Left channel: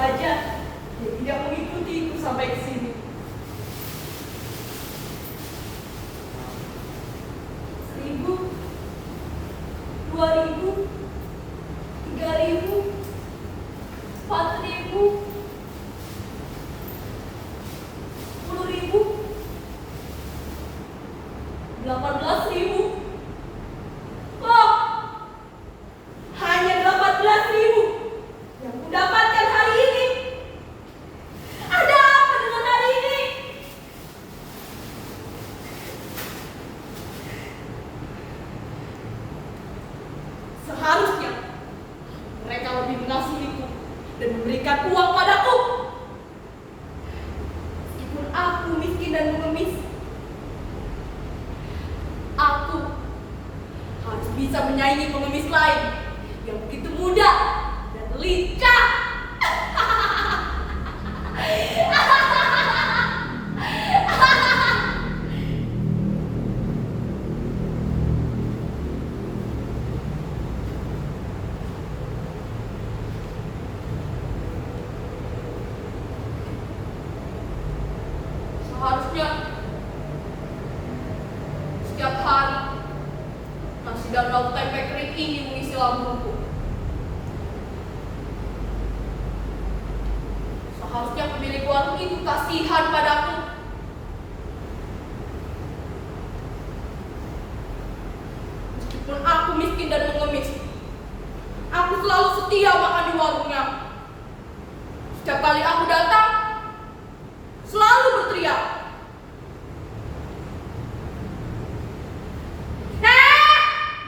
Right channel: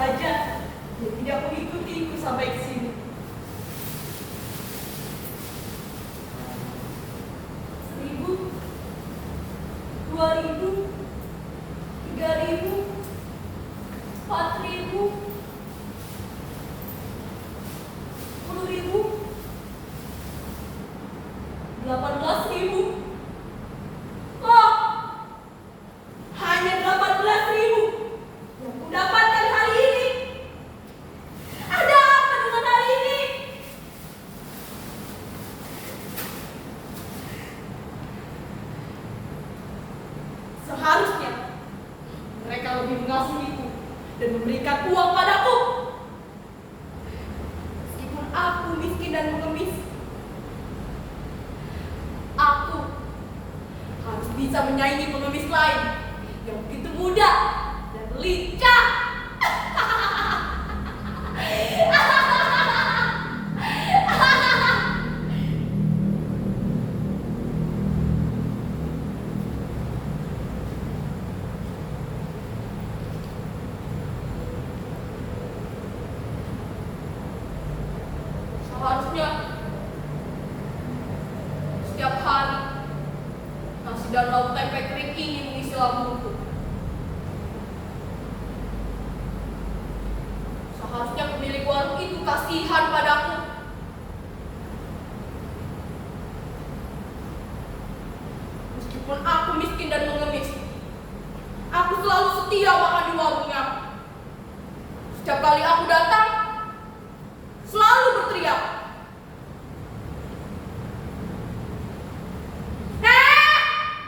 saja dia tidak mengikutiku sampai ke sini. 1.000, 2.000, 3.000, 4.000, 10.000, 18.000. Oh, hanya 18.000 yang kudapatkan hari ini. Ada apa dengan hari ini? Seharusnya mereka lebih mengasihiku dan memberikan uang padaku. Meskipun aku miskin dan mengemis, aku harus bisa menyaingi pengemis lain yang begitu mudah dan lincah. Seharusnya setiap hari nasi dan lauk tempe kering ini mengisi lambungku. Seharusnya pemilik warung itu kasihan padaku. Meskipun aku miskin dan mengemis, aku selalu setia makan di warungnya. Setiap kali aku datang, selalu berteriak,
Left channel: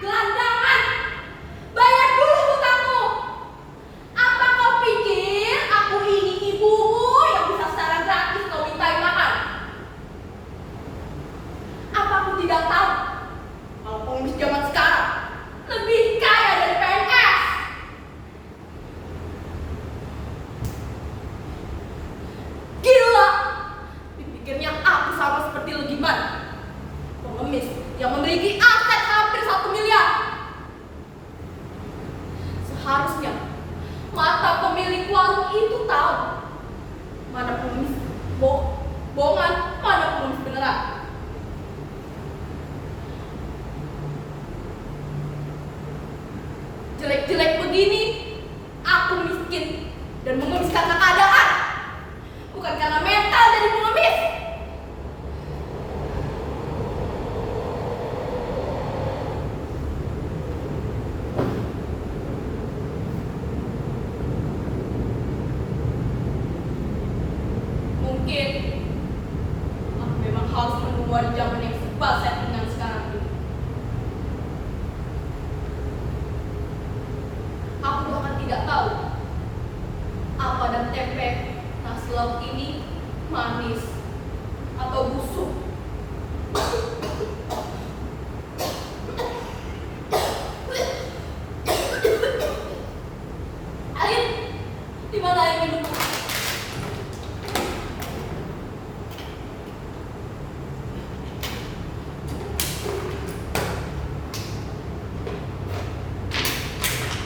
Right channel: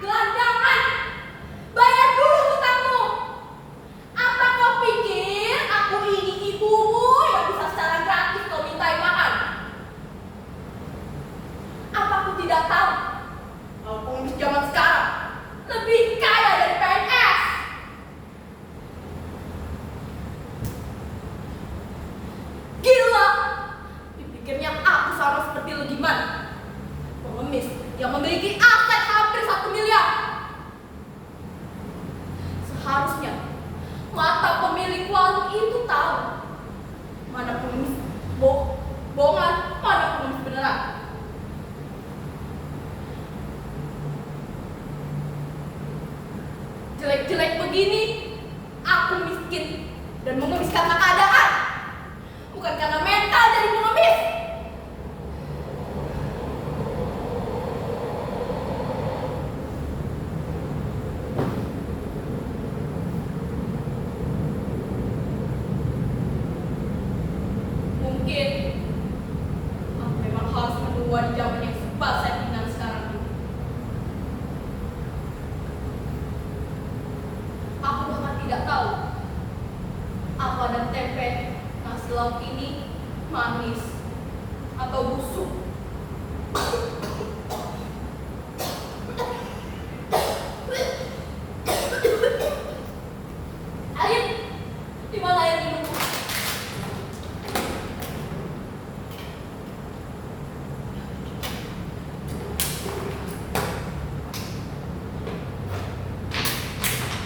"Gelandangan, bayar dulu hutangmu. Apa kau pikir aku ini ibumu yang bisa secara gratis kau mintai makan? Apa aku tidak tahu kalau pengemis zaman sekarang lebih kaya dari PNS? Gila, dipikirnya aku sama seperti Legiman, pengemis yang memiliki aset hampir 1 miliar. Seharusnya mata pemilik warung itu tahu mana pengemis bohongan, mana pengemis beneran. Jelek-jelek begini, aku miskin dan mengemis karena keadaan, bukan karena mental jadi pengemis. Mungkin aku memang harus menua di zaman yang serba settingan sekarang ini. Aku bahkan tidak tahu apa dan tempe nasi lauk ini manis atau busuk. Air, di mana air minum?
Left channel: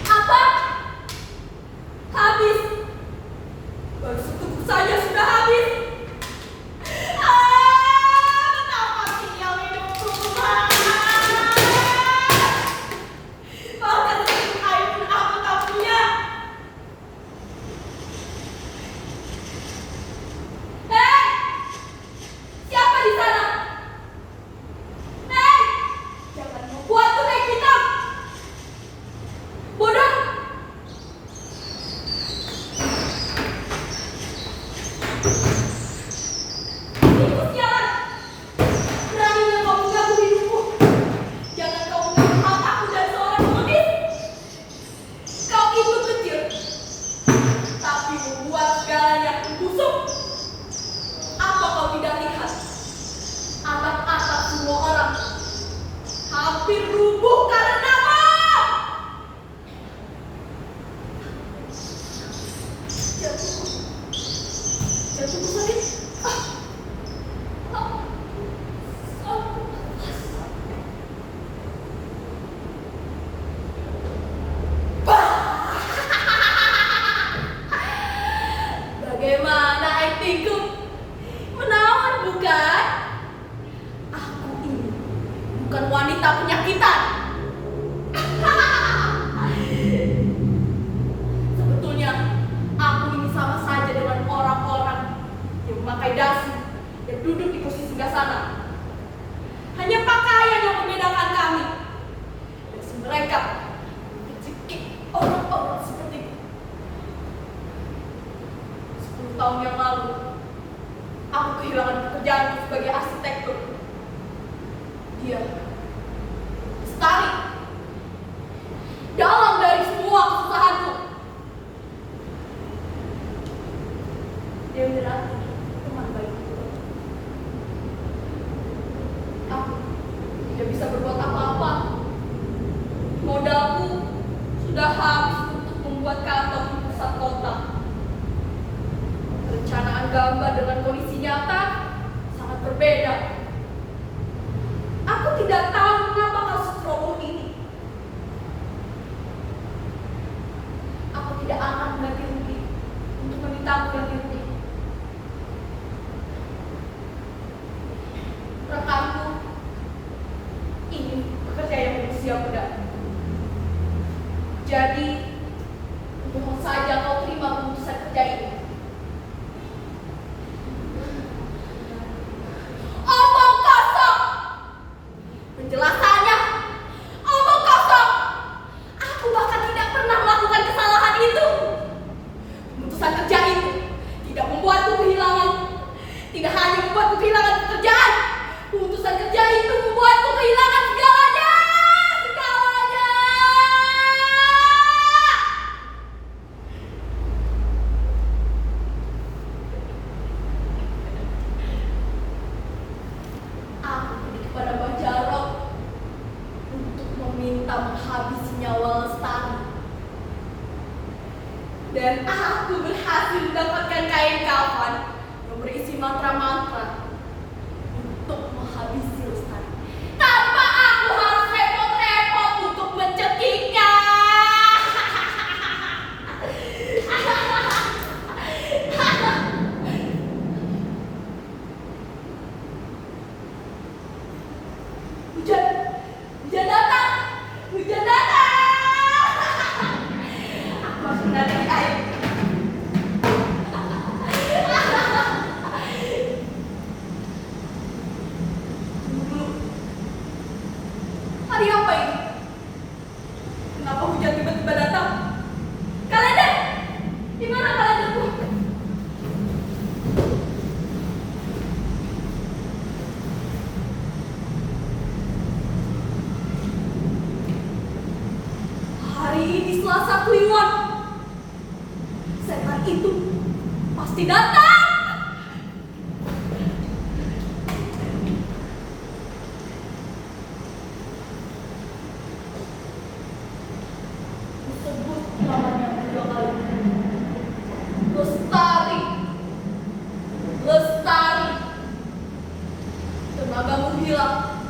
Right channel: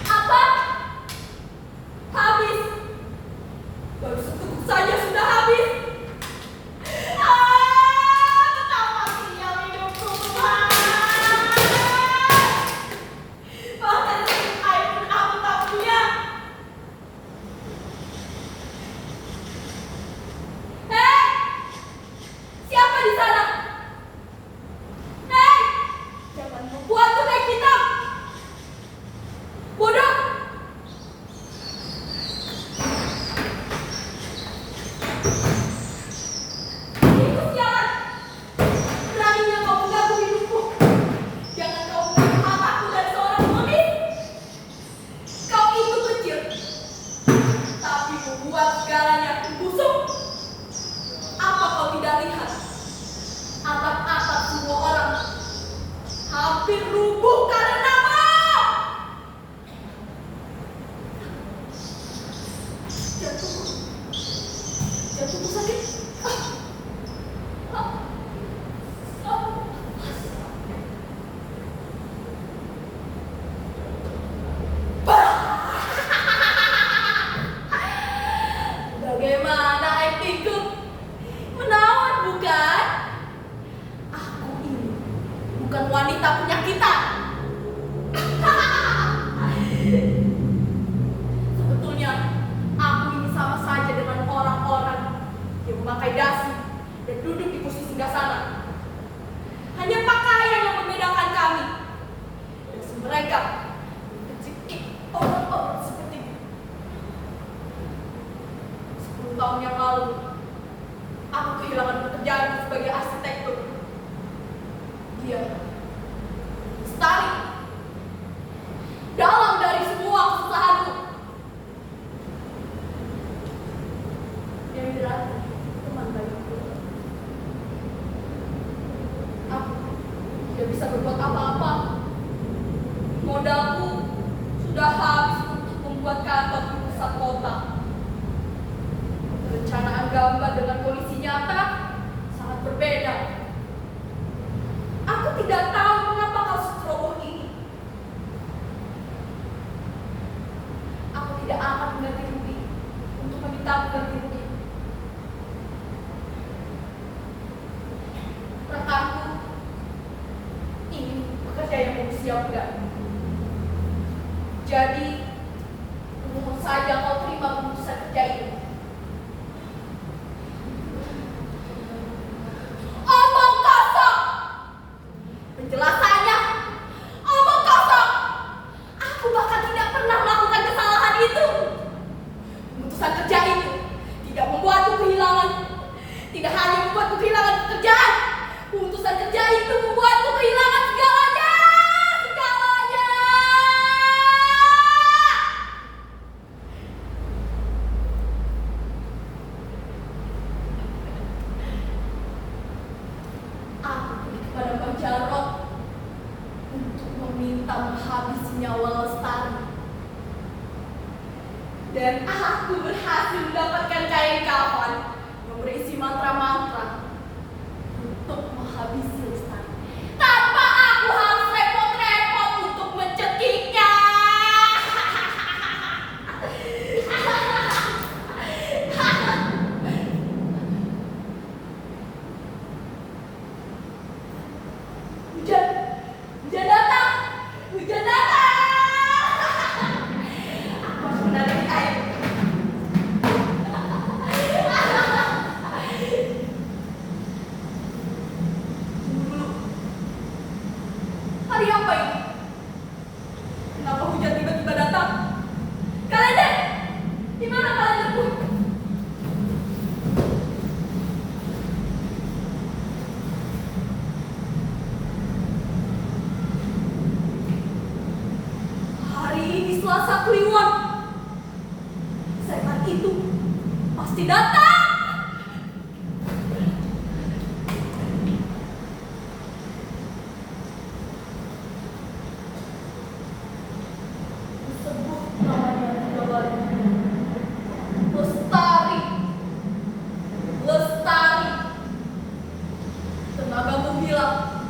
Apa? Habis. Baru seteguk saja sudah habis. Betapa sial hidupku. Bahkan seteguk air pun aku tak punya. Hei, siapa di sana? Hei, jangan membuatku naik hitam. Bodoh. Tikus jalan. Beraninya kau mengganggu hidupku. Jangan kau mengganggu mataku dari seorang pengemis. Kau itu kecil, tapi membuat segalanya busuk. Apa kau tidak lihat? Atap-atap semua orang hampir rubuh karenamu. Jantungku sakit. bukan wanita penyakitan. Sebetulnya aku ini sama saja dengan orang-orang yang memakai dasi dan duduk di kursi singgasana. Hanya pakaian yang membedakan kami. Dan mereka rezeki orang-orang seperti itu. 10 tahun yang lalu, aku kehilangan pekerjaan sebagai arsitektur. Dia Lestari, dalam dari semua kesusahanku, dia berarti teman baikku. Aku tidak bisa berbuat apa-apa. Modalku sudah habis untuk membuat kantor di pusat kota. Perencanaan gambar dengan kondisi nyata sangat berbeda. Aku tidak tahu mengapa kasus roboh ini. Aku tidak akan mengganti rugi untuk meminta ganti rugi. Rekanku ingin bekerja yang berusia muda. Jadi, mohon saja kau terima keputusan kerja ini. Omong kosong! Penjelasannya, omong kosong! Aku bahkan tidak pernah melakukan kesalahan itu. Keputusan kerja itu tidak membuatku kehilangan. Tidak hanya membuatku kehilangan pekerjaan. Keputusan kerja itu membuatku kehilangan segalanya. Segalanya! Aku pergi kepada Mbah Jarot untuk meminta menghabisi nyawa Lestari. Dan aku berhasil mendapatkan kain kafan yang berisi mantra-mantra untuk menghabisi Lestari. Tanpa aku harus repot-repot untuk mencekiknya. Hujan datang, hujan datang. Aku harus mendadak di air. Tunggu dulu. Hari apa ini? Kenapa hujan tiba-tiba datang? Kalender, di mana kalenderku? Hari ini Selasa Kliwon. Setan itu pasti datang. Disebut namanya tiga kali. Lestari. Lestari. Tenagamu hilang.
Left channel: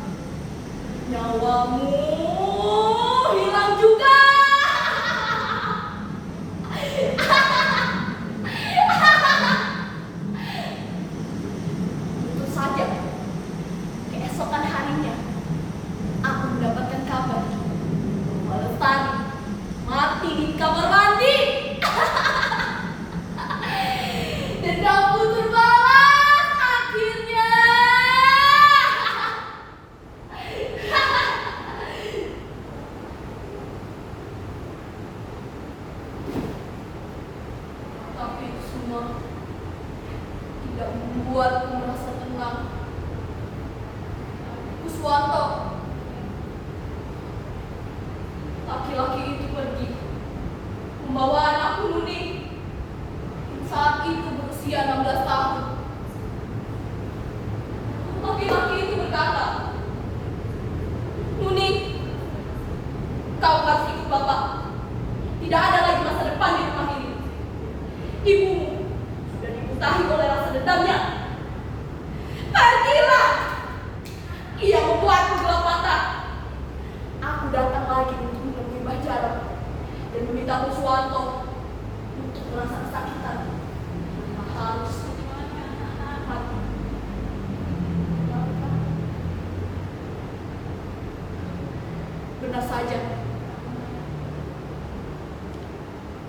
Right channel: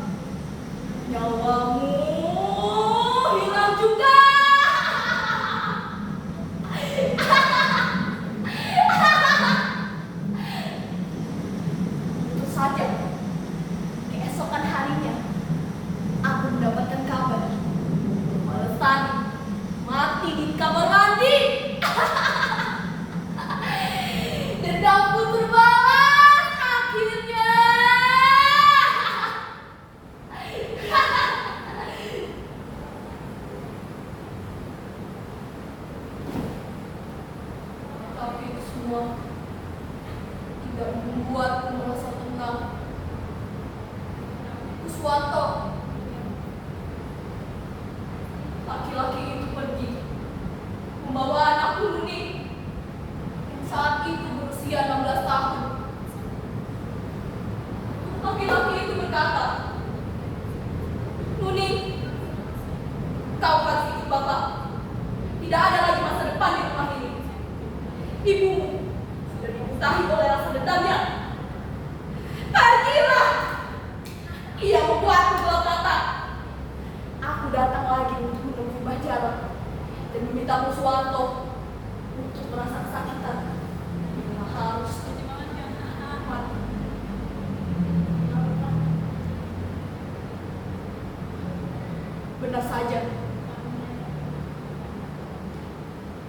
Nyawamu hilang juga. Tentu saja, keesokan harinya, aku mendapatkan kabar bahwa Lestari mati di kamar mandi. Dendamku terbalas akhirnya. Tapi itu semua tidak membuatku merasa tenang. Kuswanto, laki-laki itu pergi membawa anakku Nuning yang saat itu berusia 16 tahun. Laki-laki itu berkata, "Nuning, kau harus ikut bapak. Tidak ada lagi masa depan di rumah ini. Ibumu sudah dimutahi oleh rasa dendamnya. Pergilah!" Ia membuatku gelap mata. Aku datang lagi untuk menemui Mbah Jarot dan meminta Kuswanto untuk merasa kesakitan karena harus mati. benar saja.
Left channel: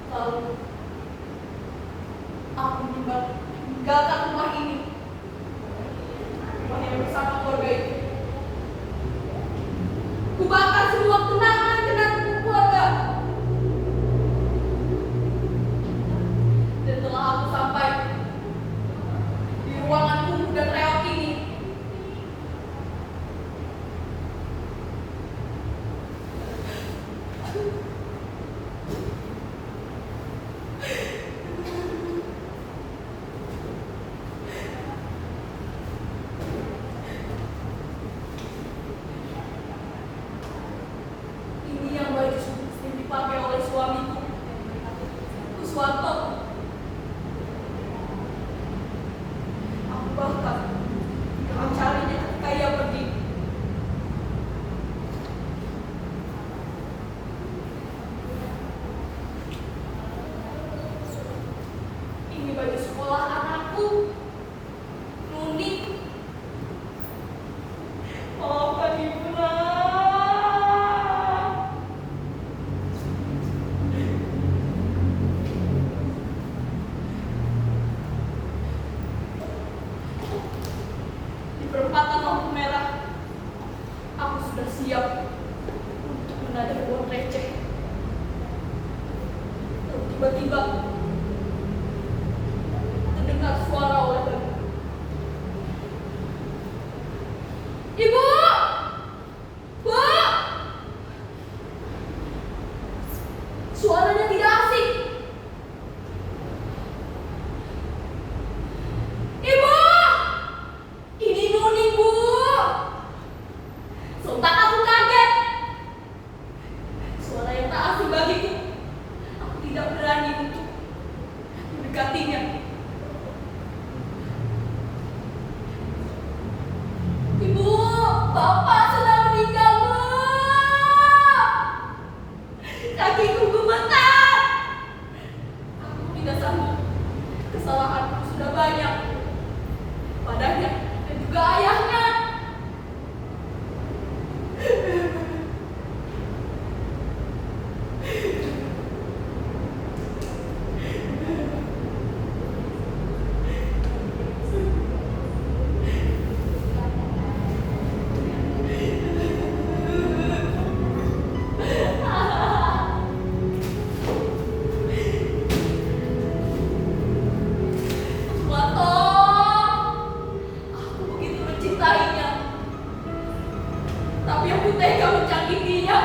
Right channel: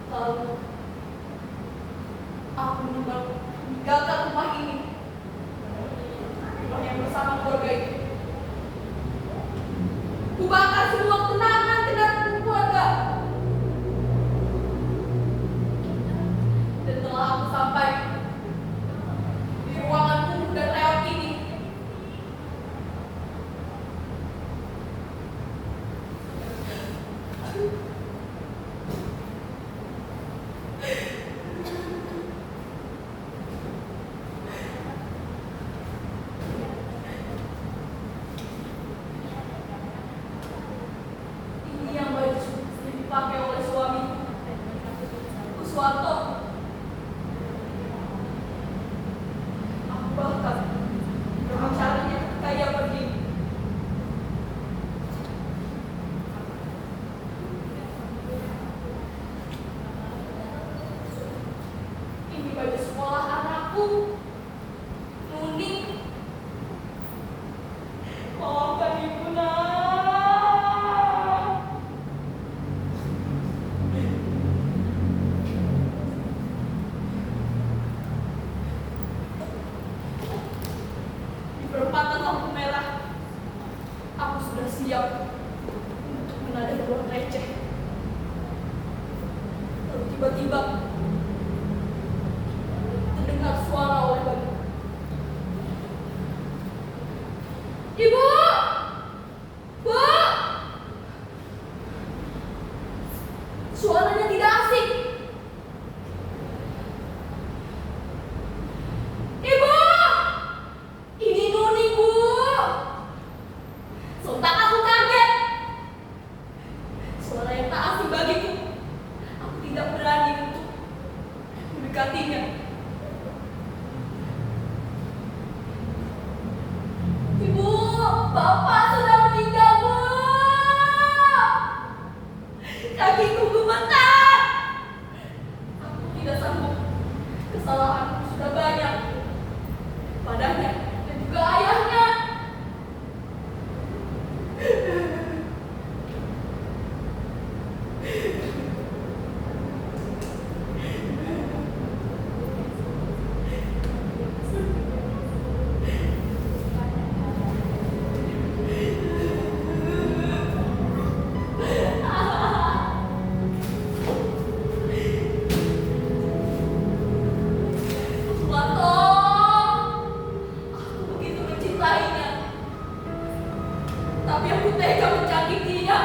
Lalu aku meninggalkan rumah ini, rumah yang bersama keluarga itu. Kubakar semua kenangan keluarga. Dan setelah aku sampai di ruangan kumuh dan reot ini, ini yang baju yang dipakai oleh suamiku, Kuswanto. Aku bahkan tidak mencarinya ketika ia pergi. Ini baju sekolah anakku, Nuni. Maafkan ibu, nak. Di perempatan lampu merah, aku sudah siap untuk menadai uang receh. Lalu tiba-tiba terdengar suara oleh bayi. Ibu! Bu! Suaranya tidak asing. Ibu! Ini Nuni, Bu. Sontak aku kaget. Suara yang tak asing bagiku. Aku tidak berani untuk mendekatinya. Ibu, Bapak sudah meninggal, Bu. Kakiku gemetar. Aku tidak sanggup. Kesalahanku sudah banyak padanya dan juga ayahnya. Kuswanto, aku begitu mencintainya, tapi aku tega menyakitinya.